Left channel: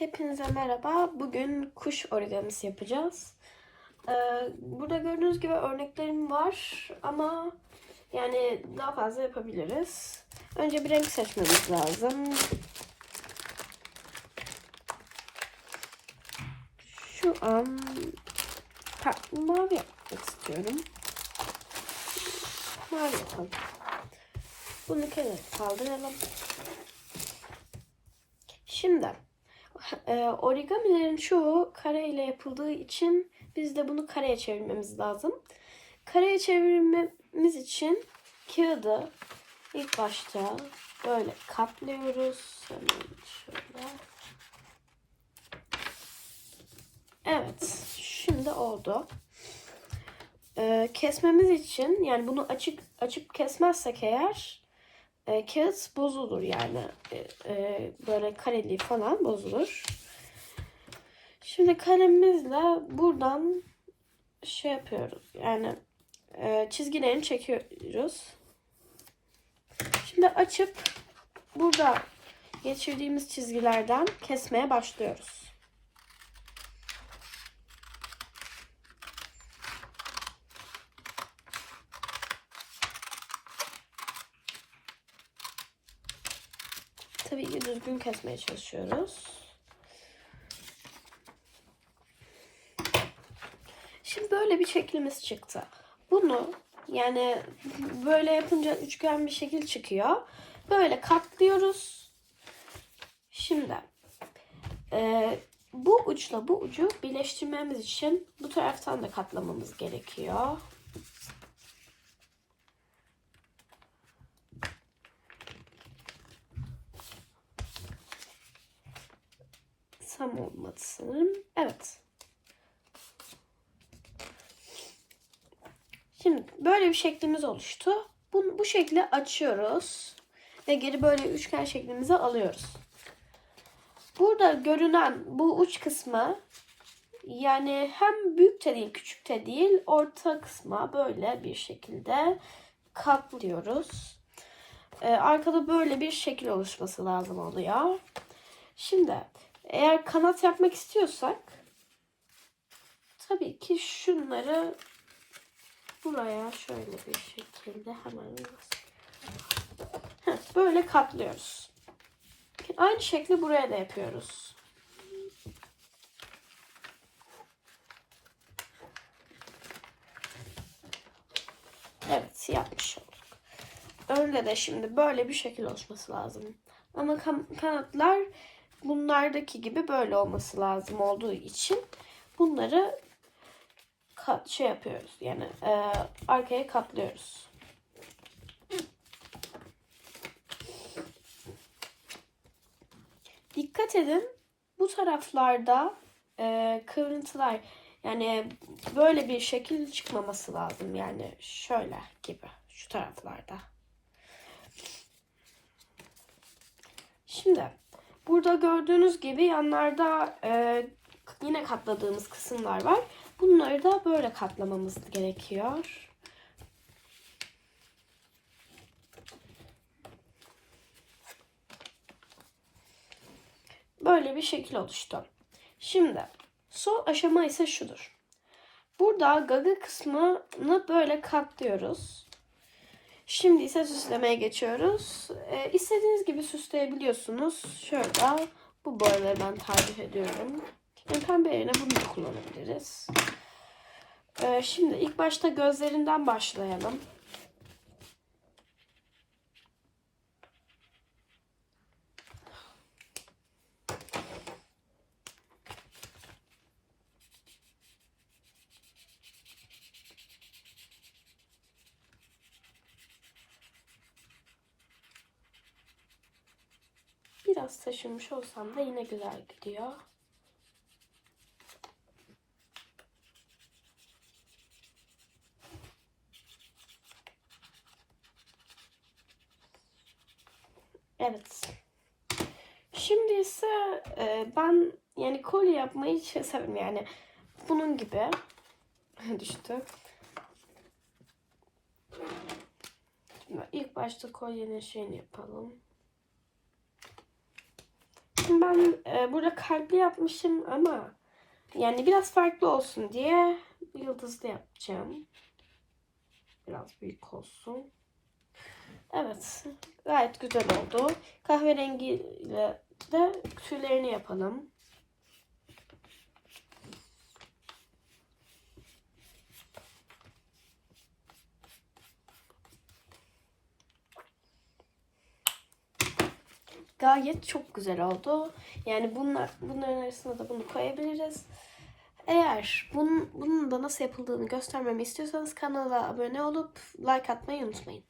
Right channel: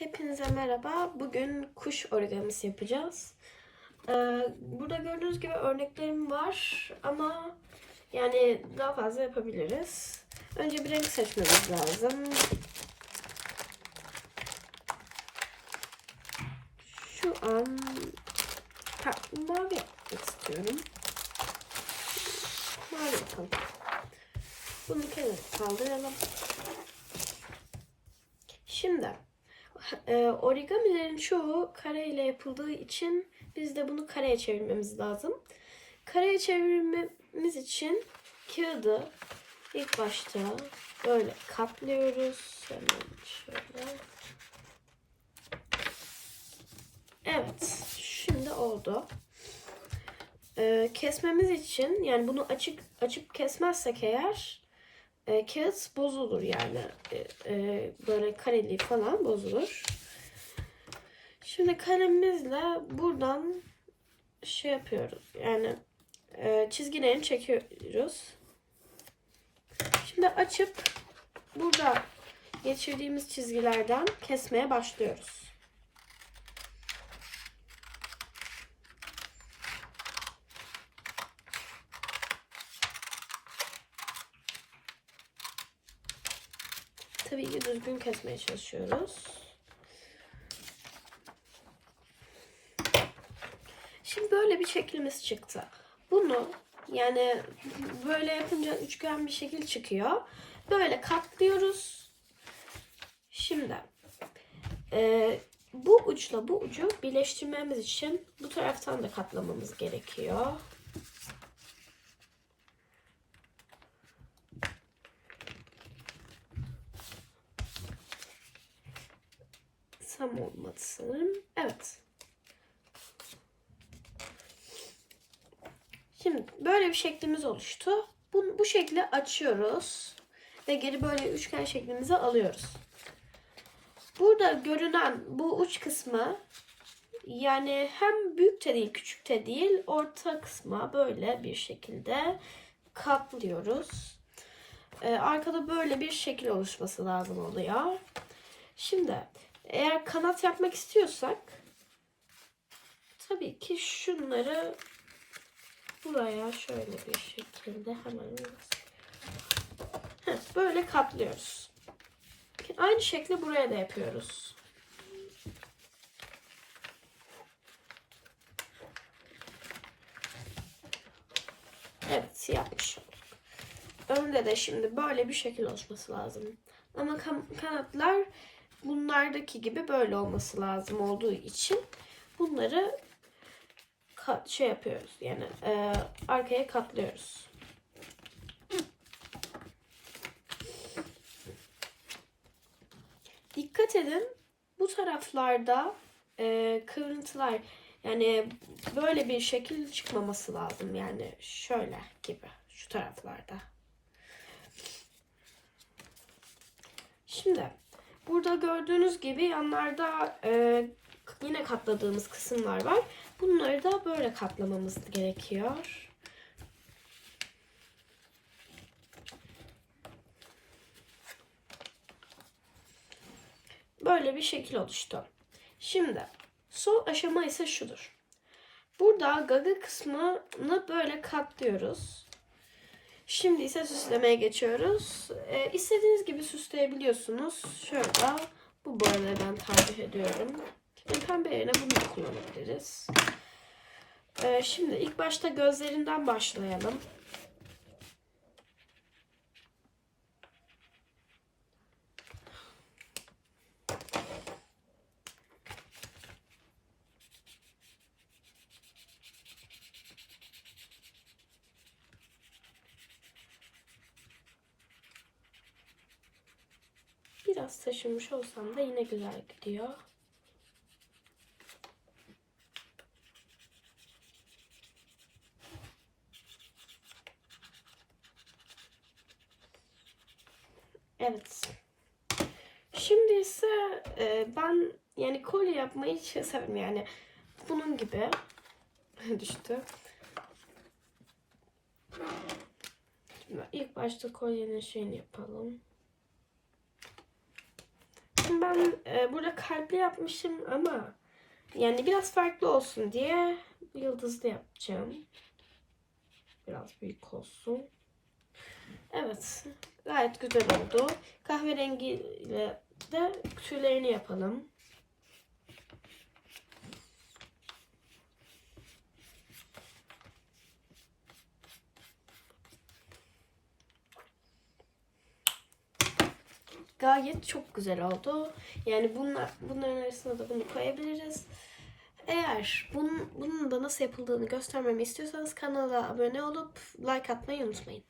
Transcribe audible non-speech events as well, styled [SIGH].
Hepinize merhaba. Bugün kuş origamisi yapacağız. Ee, burada gördüğünüz gibi örneklerim var ama yani daha fazla yapabiliriz. Önce bir renk seçmemiz lazım. Şu an ha, mavi istiyorum. Mavi yapalım. Bunu kenara kaldıralım. Şimdi e, origamilerin çoğu kare ile yapıldığı için biz de bunu kareye çevirmemiz lazım. Kareye çevirmemiz için kağıdı ilk başta böyle katlıyoruz. Şöyle. Evet, şimdi oldu. E, kesmemiz için yani bunu açık açıp kesmezsek eğer e, kağıt bozulur yani E, e, böyle kareli falan bozulur. Şimdi kalemimizle buradan şey yapıyoruz yani e, çizgilerini çekiyoruz. Şimdi açıp burada geçirdiğimiz çizgilerden kesmeye başlıyoruz. Tabii ki düzgün kesmeye çalışıyoruz. Şimdi böyle bir şeklimiz çıktı. Bunu yani böyle yapınca üçgen bir şekil çıkıyor. Böyle katlıyoruz. Şimdi e, bu uçla bu ucu birleştirmemiz için bu taraftan da katlamamız gerekiyor. Tam olmadı sanırım. Evet. Şimdi böyle bir şeklimiz oluştu. Bu, bu şekli açıyoruz. Ve geri böyle üçgen şeklimize alıyoruz. Burada görünen bu uç kısmı yani hem büyük de değil küçük de değil orta kısma böyle bir şekilde katlıyoruz. Ee, arkada böyle bir şekil oluşması lazım oluyor. Şimdi eğer kanat yapmak istiyorsak tabii ki şunları buraya şöyle bir şekilde hemen böyle katlıyoruz. Aynı şekli buraya da yapıyoruz. Evet yapmış olduk. Önde de şimdi böyle bir şekil oluşması lazım. Ama kan- kanatlar bunlardaki gibi böyle olması lazım olduğu için bunları kat şey yapıyoruz yani e, arkaya katlıyoruz. Dikkat edin bu taraflarda e, kıvrıntılar yani böyle bir şekil çıkmaması lazım yani şöyle gibi şu taraflarda. Şimdi Burada gördüğünüz gibi yanlarda e, yine katladığımız kısımlar var. Bunları da böyle katlamamız gerekiyor. Böyle bir şekil oluştu. Şimdi son aşama ise şudur. Burada gaga kısmını böyle katlıyoruz. Şimdi ise süslemeye geçiyoruz. Ee, istediğiniz gibi süsleyebiliyorsunuz. Şöyle bu boyaları ben tercih ediyorum. Yani pembe yerine bunu kullanabiliriz. Ee, şimdi ilk başta gözlerinden başlayalım. Biraz taşınmış olsam da yine güzel gidiyor. Evet. Şimdi ise e, ben yani kolye yapmayı şey severim yani bunun gibi [LAUGHS] düştü. Şimdi ilk başta kolyenin şeyini yapalım. Şimdi ben e, burada kalpli yapmışım ama yani biraz farklı olsun diye yıldızlı yapacağım. Biraz büyük olsun. Evet. Gayet güzel oldu. Kahverengiyle de tüylerini yapalım. Gayet çok güzel oldu. Yani bunlar bunların arasına da bunu koyabiliriz. Eğer bunun, bunun da nasıl yapıldığını göstermemi istiyorsanız kanala abone olup like atmayı unutmayın.